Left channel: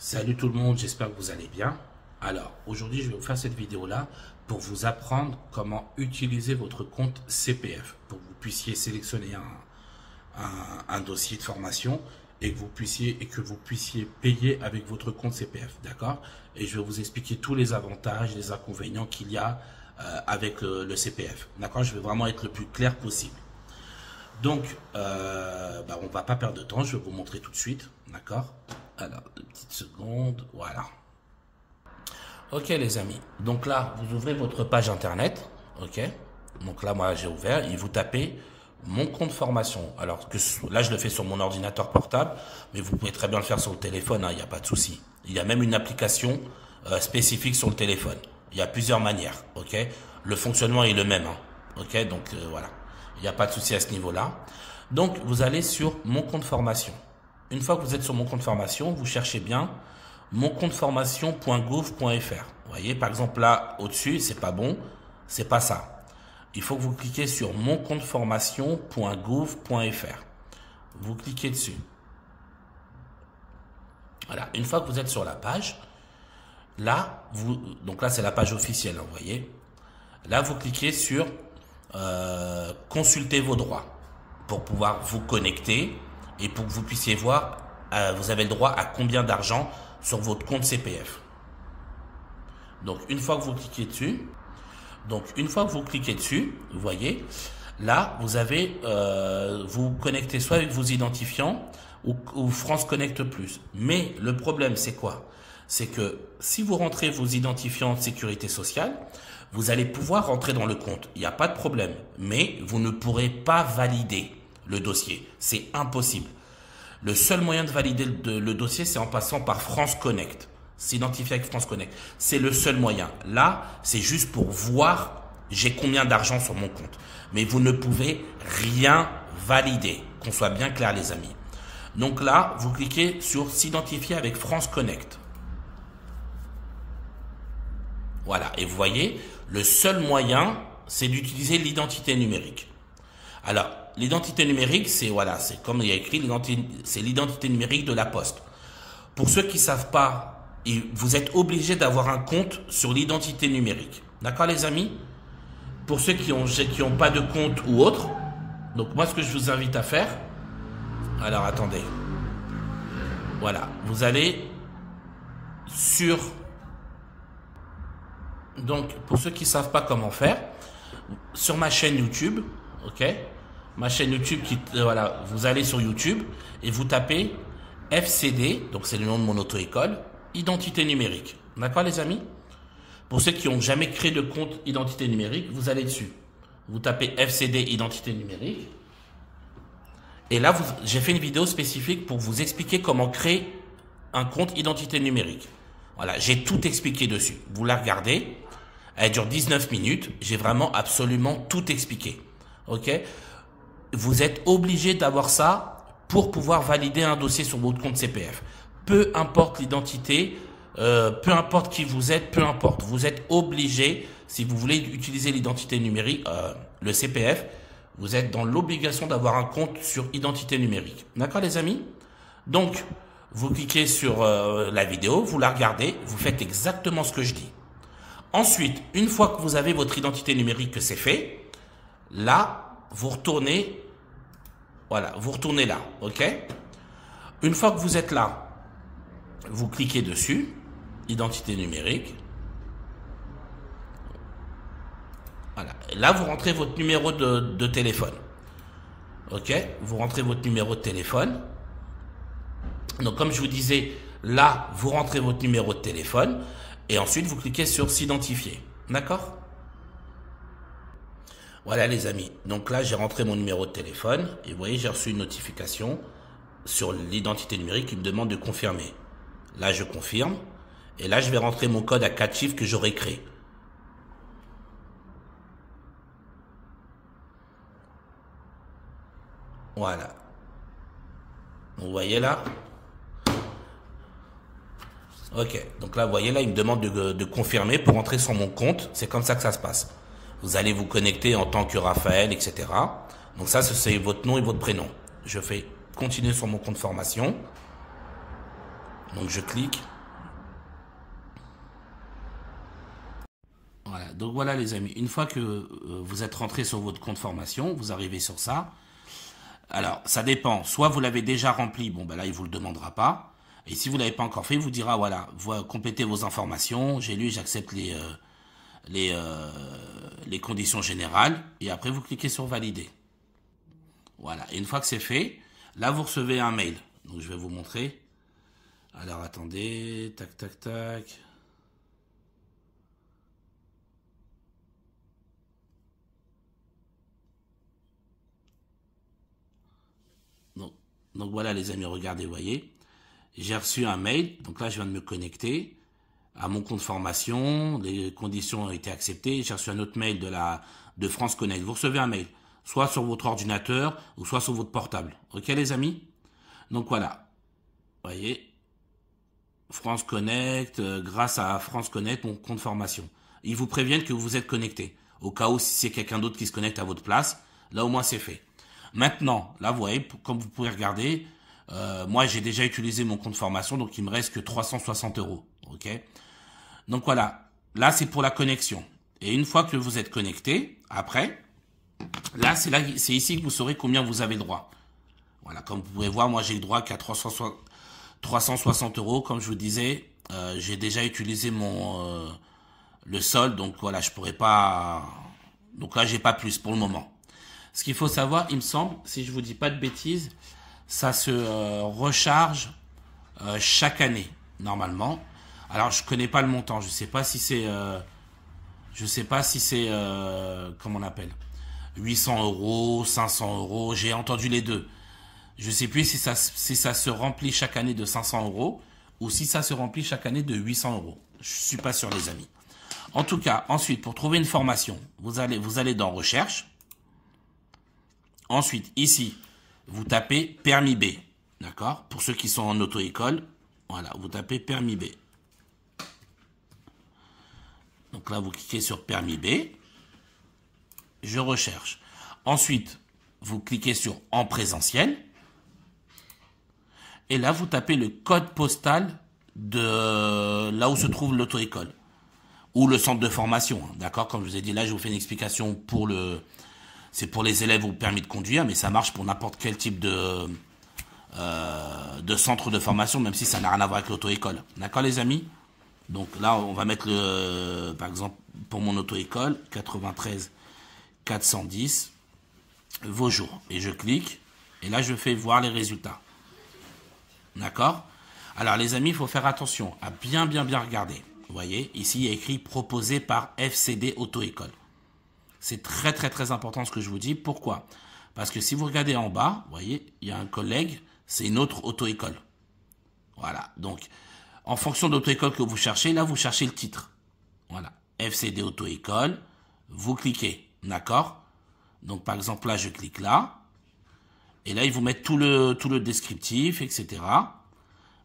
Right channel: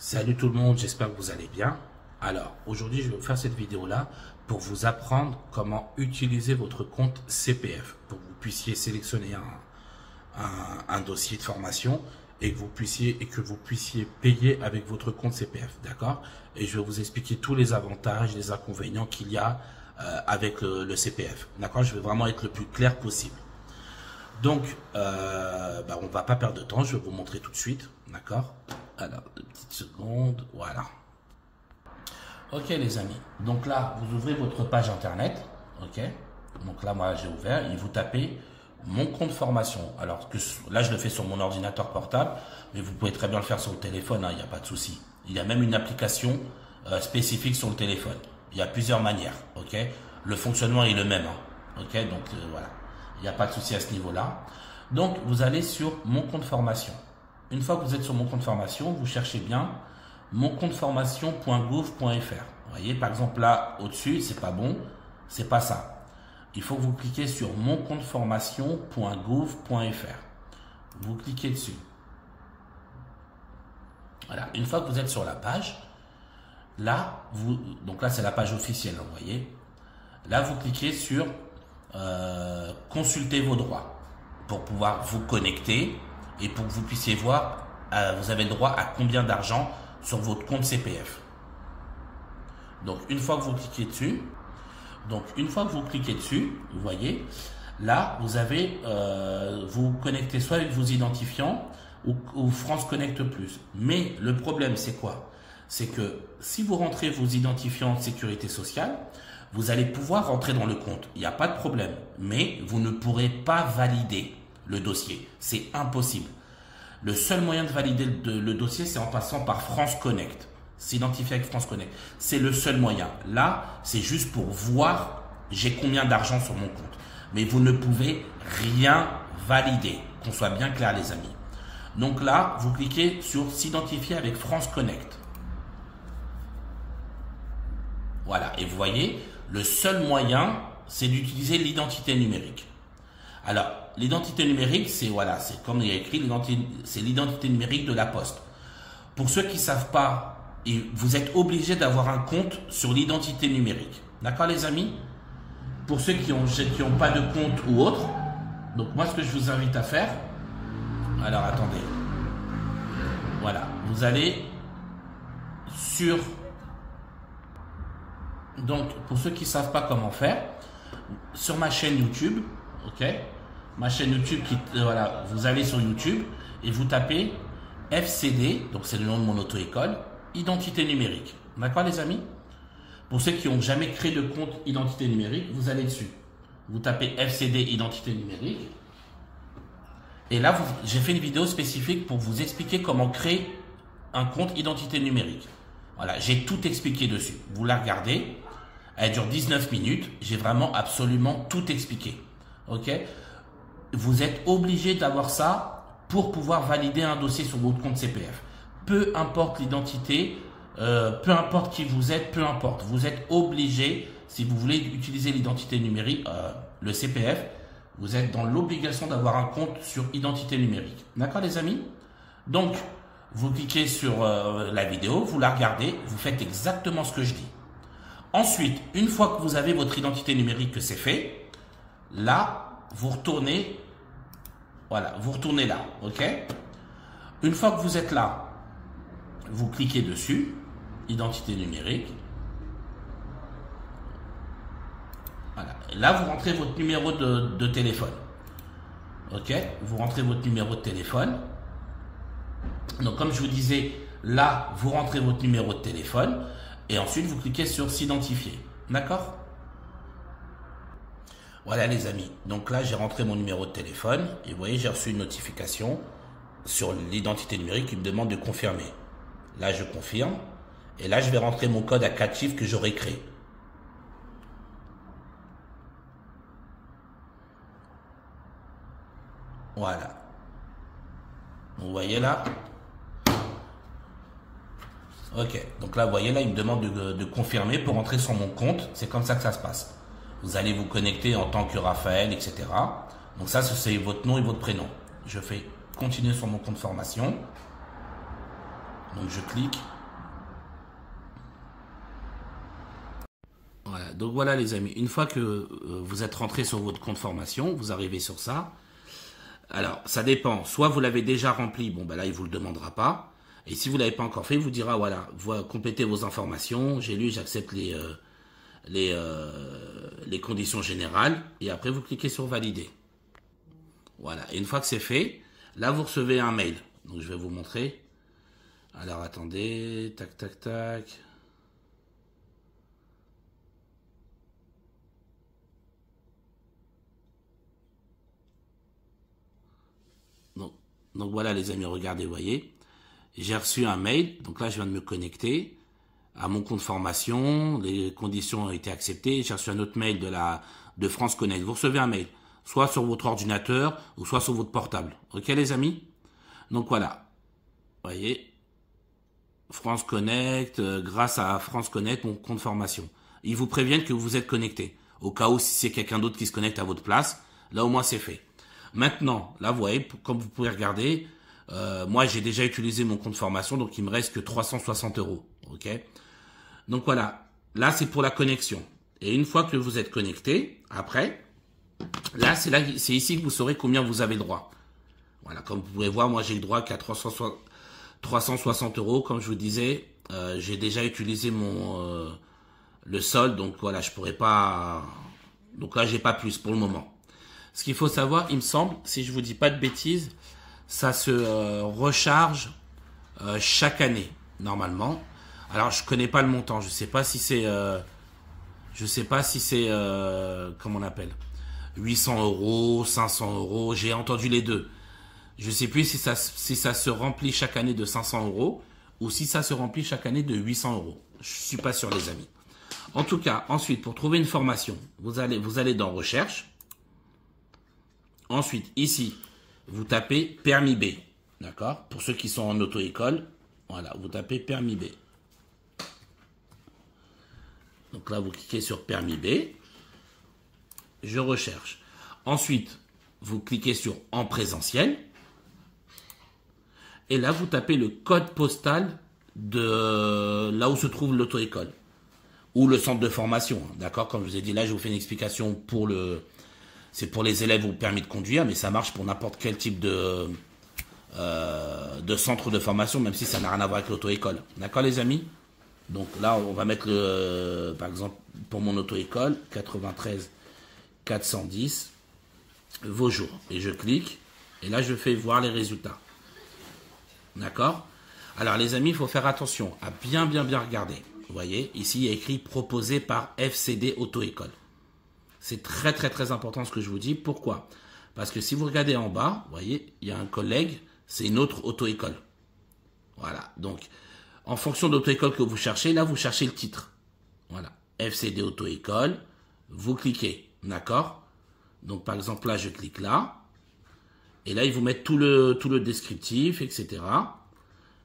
Salut tout le monde, j'espère que vous allez bien. Alors, aujourd'hui, je vais vous faire cette vidéo-là pour vous apprendre comment utiliser votre compte CPF, pour que vous puissiez sélectionner un dossier de formation et que vous puissiez payer avec votre compte CPF, d'accord? Et je vais vous expliquer tous les avantages, les inconvénients qu'il y a avec le CPF, d'accord? Je vais vraiment être le plus clair possible. Donc, on ne va pas perdre de temps, je vais vous montrer tout de suite, d'accord? Alors, une petite seconde, voilà. Ok les amis, donc là, vous ouvrez votre page internet, ok? Donc là, moi, j'ai ouvert et vous tapez mon compte formation. Alors, là, je le fais sur mon ordinateur portable, mais vous pouvez très bien le faire sur le téléphone, il n'y a pas de souci. Il y a même une application spécifique sur le téléphone. Il y a plusieurs manières, ok? Le fonctionnement est le même, ok? Donc, voilà. Il n'y a pas de souci à ce niveau-là. Donc, vous allez sur mon compte formation. Une fois que vous êtes sur mon compte formation, vous cherchez bien moncompteformation.gouv.fr. Vous voyez, par exemple, là, au-dessus, c'est pas bon, c'est pas ça. Il faut que vous cliquez sur moncompteformation.gouv.fr. Vous cliquez dessus. Voilà. Une fois que vous êtes sur la page, là, donc là, c'est la page officielle, vous voyez. Là, vous cliquez sur consulter vos droits pour pouvoir vous connecter et pour que vous puissiez voir, vous avez le droit à combien d'argent sur votre compte CPF. Donc, une fois que vous cliquez dessus, vous voyez, là, vous avez, vous connectez soit avec vos identifiants ou France Connect Plus. Mais le problème, c'est quoi? C'est que si vous rentrez vos identifiants de sécurité sociale, vous allez pouvoir rentrer dans le compte. Il n'y a pas de problème. Mais vous ne pourrez pas valider le dossier. C'est impossible. Le seul moyen de valider le dossier, c'est en passant par France Connect. S'identifier avec France Connect. C'est le seul moyen. Là, c'est juste pour voir j'ai combien d'argent sur mon compte. Mais vous ne pouvez rien valider. Qu'on soit bien clair, les amis. Donc là, vous cliquez sur s'identifier avec France Connect. Voilà. Et vous voyez, le seul moyen, c'est d'utiliser l'identité numérique. Alors, l'identité numérique, c'est voilà, c'est comme il y a écrit, c'est l'identité numérique de la Poste. Pour ceux qui ne savent pas, vous êtes obligé d'avoir un compte sur l'identité numérique. D'accord les amis? Pour ceux qui ont pas de compte ou autre, donc moi ce que je vous invite à faire, alors attendez, voilà, vous allez sur, donc pour ceux qui ne savent pas comment faire, sur ma chaîne YouTube, ok? Ma chaîne YouTube, voilà, vous allez sur YouTube et vous tapez FCD, donc c'est le nom de mon auto-école, identité numérique. D'accord les amis? Pour ceux qui n'ont jamais créé de compte identité numérique, vous allez dessus. Vous tapez FCD identité numérique. Et là, j'ai fait une vidéo spécifique pour vous expliquer comment créer un compte identité numérique. Voilà, j'ai tout expliqué dessus. Vous la regardez, elle dure 19 minutes. J'ai vraiment absolument tout expliqué. Ok? Vous êtes obligé d'avoir ça pour pouvoir valider un dossier sur votre compte CPF. Peu importe l'identité, peu importe qui vous êtes, peu importe. Vous êtes obligé, si vous voulez utiliser l'identité numérique, le CPF, vous êtes dans l'obligation d'avoir un compte sur identité numérique. D'accord les amis? Donc, vous cliquez sur la vidéo, vous la regardez, vous faites exactement ce que je dis. Ensuite, une fois que vous avez votre identité numérique, que c'est fait, là, vous retournez, voilà, vous retournez là, ok? Une fois que vous êtes là, vous cliquez dessus, identité numérique. Voilà. Là, vous rentrez votre numéro de téléphone. Ok? Vous rentrez votre numéro de téléphone. Donc, comme je vous disais, là, vous rentrez votre numéro de téléphone et ensuite, vous cliquez sur s'identifier. D'accord? Voilà les amis, donc là j'ai rentré mon numéro de téléphone et vous voyez j'ai reçu une notification sur l'identité numérique qui me demande de confirmer. Là je confirme et là je vais rentrer mon code à 4 chiffres que j'aurai créé. Voilà. Vous voyez là? Ok, donc là vous voyez là il me demande de confirmer pour rentrer sur mon compte, c'est comme ça que ça se passe. Vous allez vous connecter en tant que Raphaël, etc. Donc ça, c'est votre nom et votre prénom. Je fais continuer sur mon compte formation. Donc je clique. Voilà, donc voilà les amis, une fois que vous êtes rentré sur votre compte formation, vous arrivez sur ça. Alors, ça dépend, soit vous l'avez déjà rempli, bon ben là il vous le demandera pas. Et si vous ne l'avez pas encore fait, il vous dira, voilà, vous complétez vos informations, j'ai lu, j'accepte les conditions générales. Et après, vous cliquez sur valider. Voilà, et une fois que c'est fait, là, vous recevez un mail. Donc, je vais vous montrer. Alors, attendez, tac, tac, tac. Donc voilà, les amis, regardez, vous voyez. J'ai reçu un mail, donc là, je viens de me connecter à mon compte formation, les conditions ont été acceptées, j'ai reçu un autre mail de France Connect. Vous recevez un mail, soit sur votre ordinateur, ou soit sur votre portable. Ok les amis? Donc voilà, vous voyez, France Connect, grâce à France Connect, mon compte formation. Ils vous préviennent que vous êtes connecté, au cas où si c'est quelqu'un d'autre qui se connecte à votre place, là au moins c'est fait. Maintenant, là vous voyez, comme vous pouvez regarder, moi j'ai déjà utilisé mon compte formation, donc il me reste que 360 €. Ok? Donc voilà, là c'est pour la connexion. Et une fois que vous êtes connecté, après, c'est ici que vous saurez combien vous avez le droit. Voilà, comme vous pouvez voir, moi j'ai le droit qu'à 360 €. Comme je vous disais, j'ai déjà utilisé le solde, donc voilà, je pourrais pas. Donc là, j'ai pas plus pour le moment. Ce qu'il faut savoir, il me semble, si je vous dis pas de bêtises, ça se recharge chaque année, normalement. Alors, je connais pas le montant. Je sais pas si c'est, comment on appelle, 800 €, 500 €. J'ai entendu les deux. Je sais plus si ça se remplit chaque année de 500 € ou si ça se remplit chaque année de 800 €. Je suis pas sûr, les amis. En tout cas, ensuite, pour trouver une formation, vous allez dans Recherche. Ensuite, ici, vous tapez Permis B. D'accord? Pour ceux qui sont en auto-école, voilà, vous tapez Permis B. Donc là, vous cliquez sur Permis B. Je recherche. Ensuite, vous cliquez sur En présentiel. Et là, vous tapez le code postal de là où se trouve l'auto-école. Ou le centre de formation. D'accord? Comme je vous ai dit, là, je vous fais une explication pour c'est pour les élèves au permis de conduire, mais ça marche pour n'importe quel type de centre de formation, même si ça n'a rien à voir avec l'auto-école. D'accord, les amis? Donc là, on va mettre par exemple, pour mon auto-école, 93 410, Vaujours. Et je clique, et là, je fais voir les résultats. D'accord? Alors, les amis, il faut faire attention à bien regarder. Vous voyez, ici, il y a écrit « Proposé par FCD Auto-École ». C'est très important ce que je vous dis. Pourquoi? Parce que si vous regardez en bas, vous voyez, il y a un collègue, c'est une autre auto-école. Voilà. Donc, en fonction de l'auto-école que vous cherchez, là, vous cherchez le titre. Voilà. FCD Auto-École. Vous cliquez. D'accord? Donc, par exemple, là, je clique là. Et là, ils vous mettent tout le descriptif, etc.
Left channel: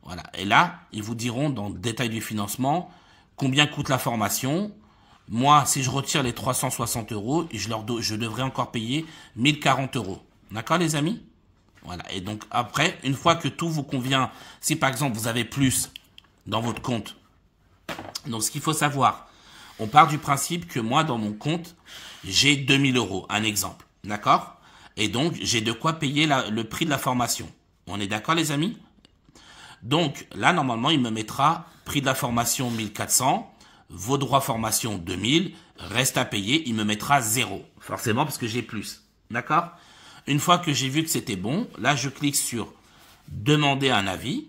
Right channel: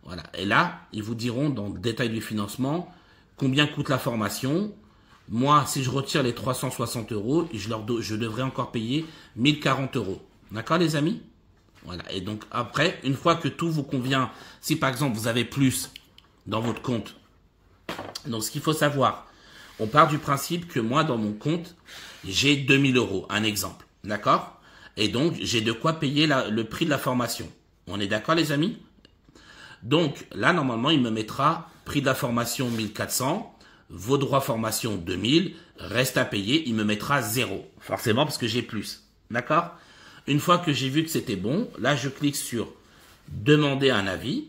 Voilà. Et là, ils vous diront dans le détail du financement combien coûte la formation. Moi, si je retire les 360 €, je devrais encore payer 1040 €. D'accord, les amis? Voilà. Et donc, après, une fois que tout vous convient, si par exemple, vous avez plus dans votre compte. Donc, ce qu'il faut savoir, on part du principe que moi, dans mon compte, j'ai 2000 €, un exemple. D'accord? Et donc, j'ai de quoi payer le prix de la formation. On est d'accord, les amis? Donc, là, normalement, il me mettra prix de la formation 1400, vos droits formation 2000, reste à payer, il me mettra 0. Forcément, parce que j'ai plus. D'accord? Une fois que j'ai vu que c'était bon, là, je clique sur demander un avis.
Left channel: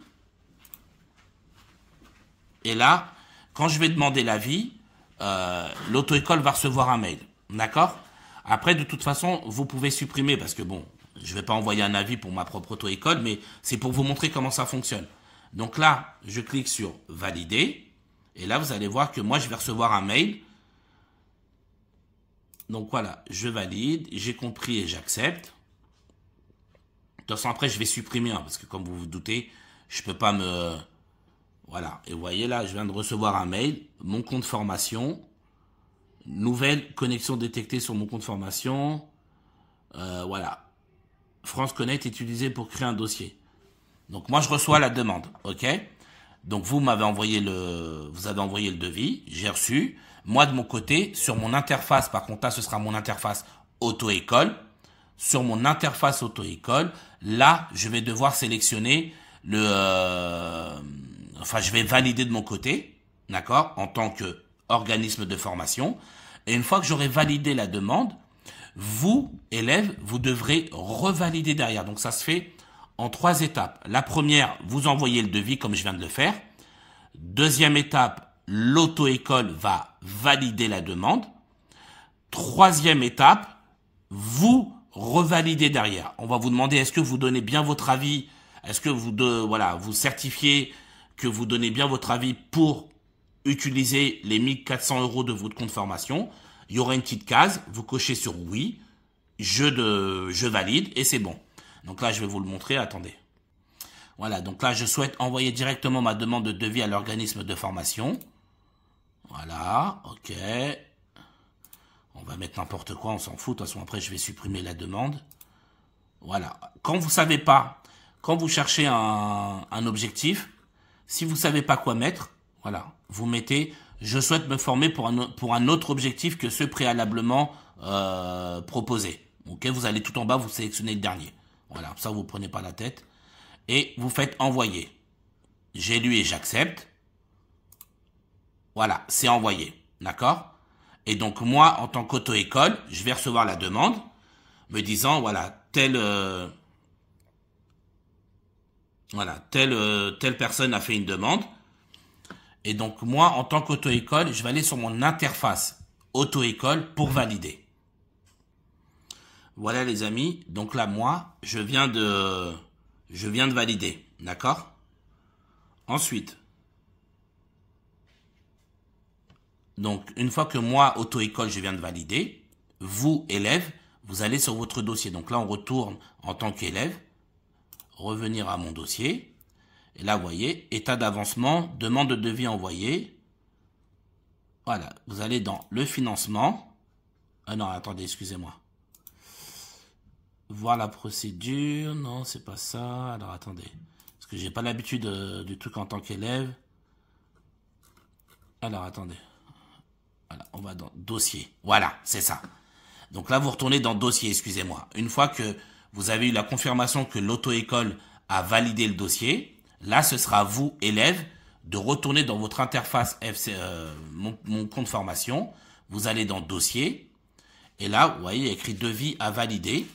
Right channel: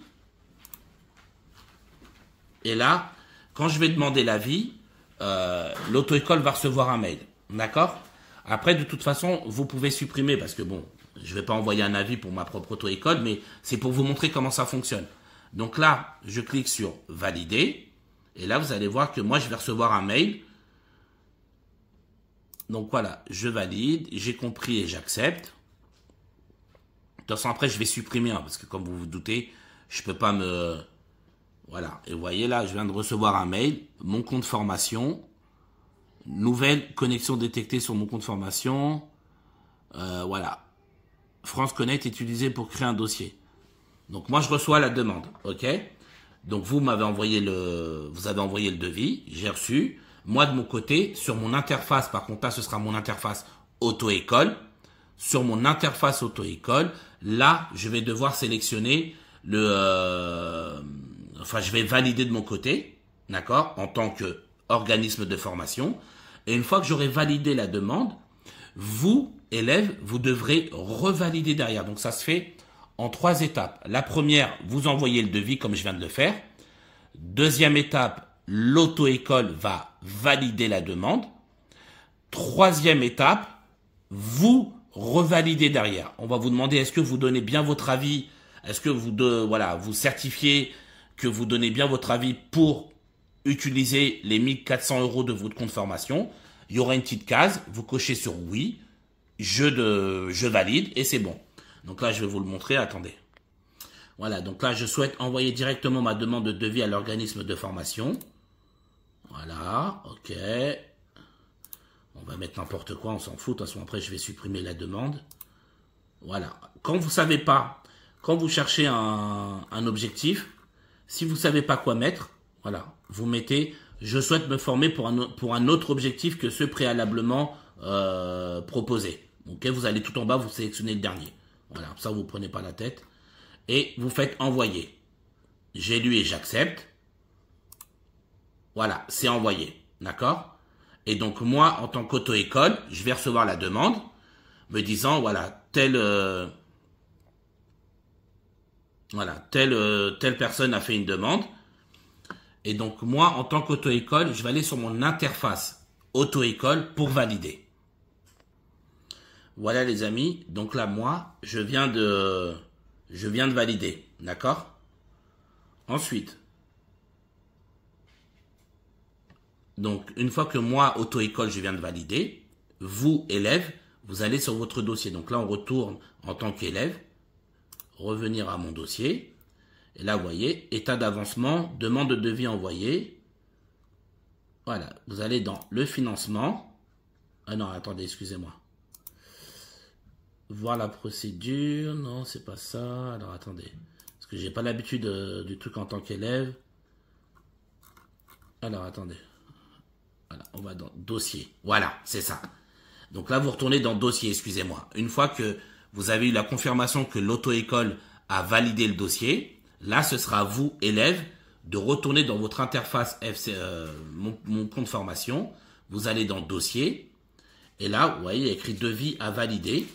Et là, quand je vais demander l'avis, l'auto-école va recevoir un mail. D'accord? Après, de toute façon, vous pouvez supprimer parce que bon, je ne vais pas envoyer un avis pour ma propre auto-école, mais c'est pour vous montrer comment ça fonctionne. Donc là, je clique sur valider. Et là, vous allez voir que moi, je vais recevoir un mail. Donc voilà, je valide, j'ai compris et j'accepte. De toute façon, après, je vais supprimer, hein, parce que comme vous vous doutez, je ne peux pas me... Voilà, et vous voyez là, je viens de recevoir un mail, mon compte formation, nouvelle connexion détectée sur mon compte formation. Voilà, France Connect est utilisé pour créer un dossier. Donc moi, je reçois la demande, ok? Donc vous m'avez envoyé vous avez envoyé le devis, j'ai reçu. Moi de mon côté, sur mon interface, par contre là ce sera mon interface auto-école. Sur mon interface auto-école, là je vais devoir sélectionner enfin je vais valider de mon côté, d'accord, en tant qu'organisme de formation. Et une fois que j'aurai validé la demande, vous, élèves, vous devrez revalider derrière. Donc ça se fait en 3 étapes. La première, vous envoyez le devis comme je viens de le faire. Deuxième étape, l'auto-école va valider la demande. Troisième étape, vous revalidez derrière. On va vous demander est-ce que vous donnez bien votre avis, est-ce que vous certifiez que vous donnez bien votre avis pour utiliser les 1400 € de votre compte formation. Il y aura une petite case, vous cochez sur oui, je valide et c'est bon. Donc là, je vais vous le montrer, attendez. Voilà, donc là, je souhaite envoyer directement ma demande de devis à l'organisme de formation. Voilà, ok. On va mettre n'importe quoi, on s'en fout. De toute façon, après, je vais supprimer la demande. Voilà. Quand vous savez pas, quand vous cherchez un objectif, si vous savez pas quoi mettre, voilà, vous mettez « Je souhaite me former pour un autre objectif que ceux préalablement proposés ». Ok, vous allez tout en bas, vous sélectionnez le dernier. Voilà, ça vous prenez pas la tête. Et vous faites « Envoyer ». J'ai lu et j'accepte. Voilà, c'est envoyé. D'accord ? Et donc moi, en tant qu'auto-école, je vais recevoir la demande me disant, voilà, telle personne a fait une demande. Et donc moi, en tant qu'auto-école, je vais aller sur mon interface auto-école pour valider. Voilà les amis. Donc là, moi, je viens de valider. D'accord ? Ensuite, donc, une fois que moi, auto-école, je viens de valider, vous, élèves, vous allez sur votre dossier. Donc là, on retourne en tant qu'élève, revenir à mon dossier. Et là, vous voyez, état d'avancement, demande de devis envoyée. Voilà, vous allez dans le financement. Ah non, attendez, excusez-moi. Voir la procédure. Non, c'est pas ça. Alors, attendez. Parce que j'ai pas l'habitude du truc en tant qu'élève. Alors, attendez. Voilà, on va dans dossier. Voilà, c'est ça. Donc là, vous retournez dans dossier, excusez-moi. Une fois que vous avez eu la confirmation que l'auto-école a validé le dossier, là, ce sera à vous, élèves, de retourner dans votre interface mon compte formation. Vous allez dans dossier. Et là, vous voyez, il y a écrit devis à valider.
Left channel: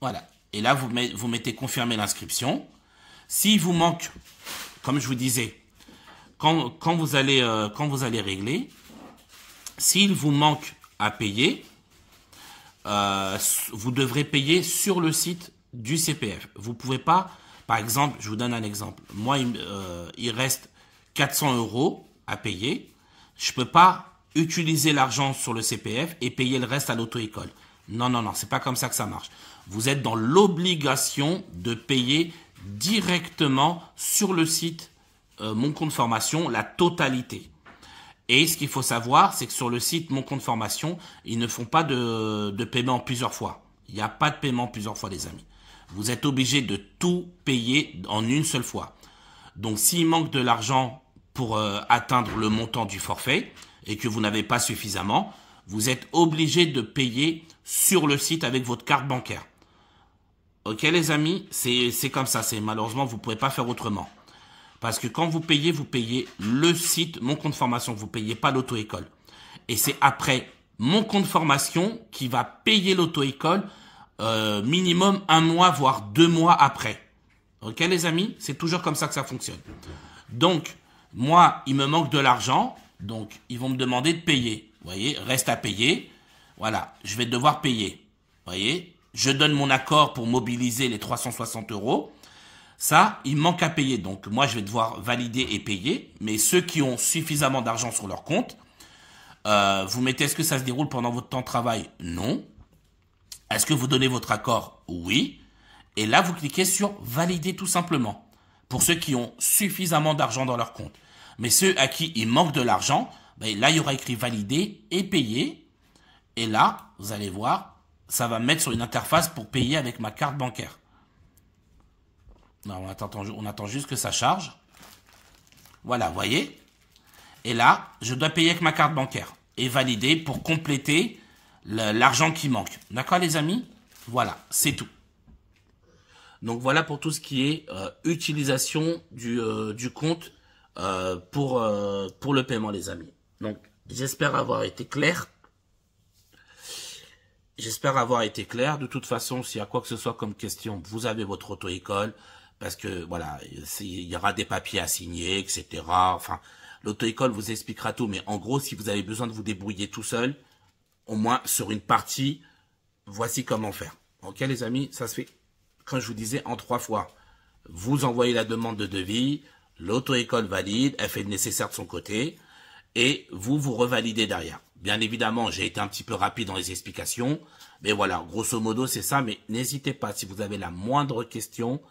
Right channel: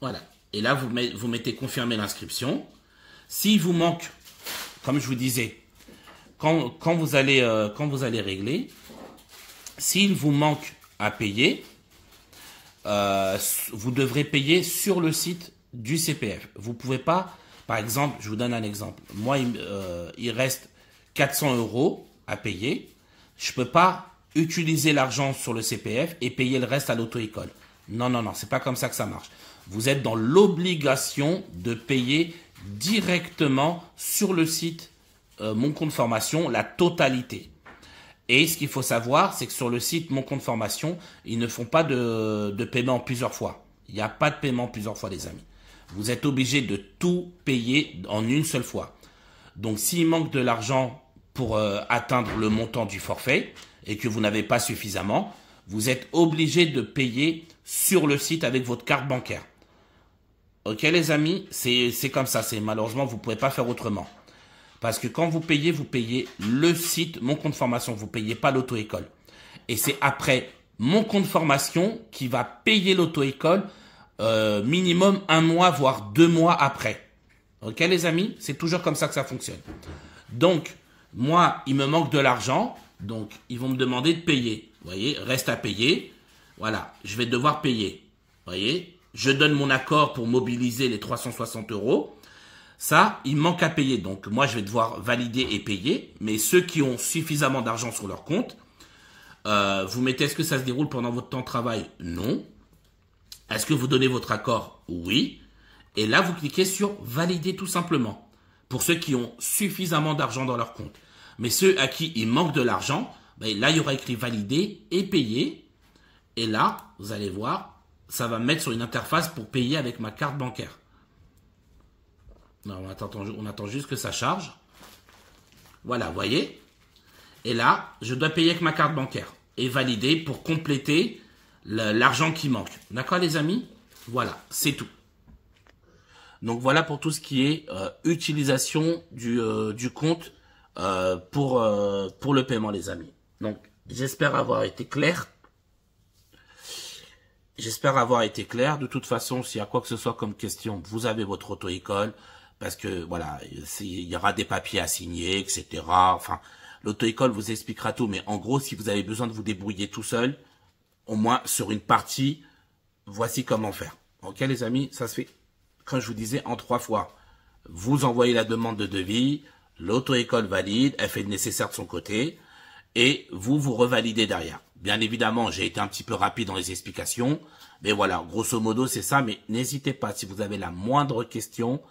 Voilà. Et là, vous mettez confirmer l'inscription. S'il vous manque, comme je vous disais, quand vous allez régler, s'il vous manque à payer, vous devrez payer sur le site du CPF. Vous pouvez pas, par exemple, je vous donne un exemple. Moi, il reste 400 € à payer. Je peux pas utiliser l'argent sur le CPF et payer le reste à l'auto-école. Non, non, non, c'est pas comme ça que ça marche. Vous êtes dans l'obligation de payer directement sur le site mon compte formation, la totalité. Et ce qu'il faut savoir, c'est que sur le site mon compte formation, ils ne font pas de paiement plusieurs fois. Il n'y a pas de paiement plusieurs fois, les amis. Vous êtes obligé de tout payer en une seule fois. Donc, s'il manque de l'argent pour atteindre le montant du forfait et que vous n'avez pas suffisamment, vous êtes obligé de payer sur le site avec votre carte bancaire. Ok, les amis, c'est comme ça. Malheureusement, vous ne pouvez pas faire autrement. Parce que quand vous payez le site, mon compte formation, vous ne payez pas l'auto-école. Et c'est après mon compte formation qui va payer l'auto-école minimum 1 mois, voire 2 mois après. Ok les amis, c'est toujours comme ça que ça fonctionne. Donc, moi, il me manque de l'argent, donc ils vont me demander de payer. Vous voyez, reste à payer. Voilà, je vais devoir payer. Vous voyez, je donne mon accord pour mobiliser les 360 €. Ça, il manque à payer. Donc, moi, je vais devoir valider et payer. Mais ceux qui ont suffisamment d'argent sur leur compte, vous mettez, est-ce que ça se déroule pendant votre temps de travail? Non. Est-ce que vous donnez votre accord? Oui. Et là, vous cliquez sur valider tout simplement. Pour ceux qui ont suffisamment d'argent dans leur compte. Mais ceux à qui il manque de l'argent, ben là, il y aura écrit valider et payer. Et là, vous allez voir, ça va me mettre sur une interface pour payer avec ma carte bancaire. Non, on attend juste que ça charge. Voilà, vous voyez. Et là, je dois payer avec ma carte bancaire et valider pour compléter l'argent qui manque. D'accord, les amis? Voilà, c'est tout. Donc, voilà pour tout ce qui est utilisation du compte pour le paiement, les amis. Donc, j'espère avoir été clair. J'espère avoir été clair. De toute façon, s'il y a quoi que ce soit comme question, vous avez votre auto-école. Parce que, voilà, il y aura des papiers à signer, etc. Enfin, l'auto-école vous expliquera tout. Mais en gros, si vous avez besoin de vous débrouiller tout seul, au moins sur une partie, voici comment faire. Ok, les amis, ça se fait, comme je vous disais, en 3 fois. Vous envoyez la demande de devis, l'auto-école valide, elle fait le nécessaire de son côté, et vous revalidez derrière. Bien évidemment, j'ai été un petit peu rapide dans les explications, mais voilà, grosso modo, c'est ça. Mais n'hésitez pas, si vous avez la moindre question,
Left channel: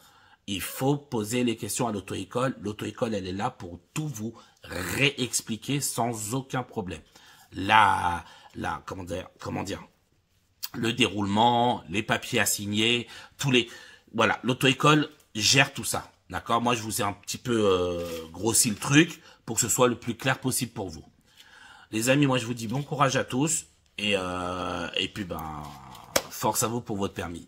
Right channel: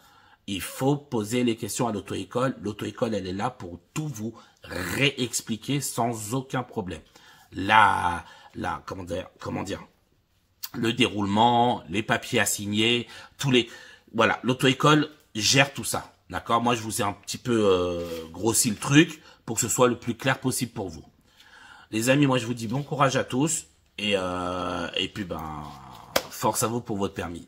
il faut poser les questions à l'auto-école. L'auto-école, elle est là pour tout vous réexpliquer sans aucun problème. Comment dire, le déroulement, les papiers à signer, voilà, l'auto-école gère tout ça. D'accord? Moi, je vous ai un petit peu grossi le truc pour que ce soit le plus clair possible pour vous. Les amis, moi, je vous dis bon courage à tous et puis, force à vous pour votre permis.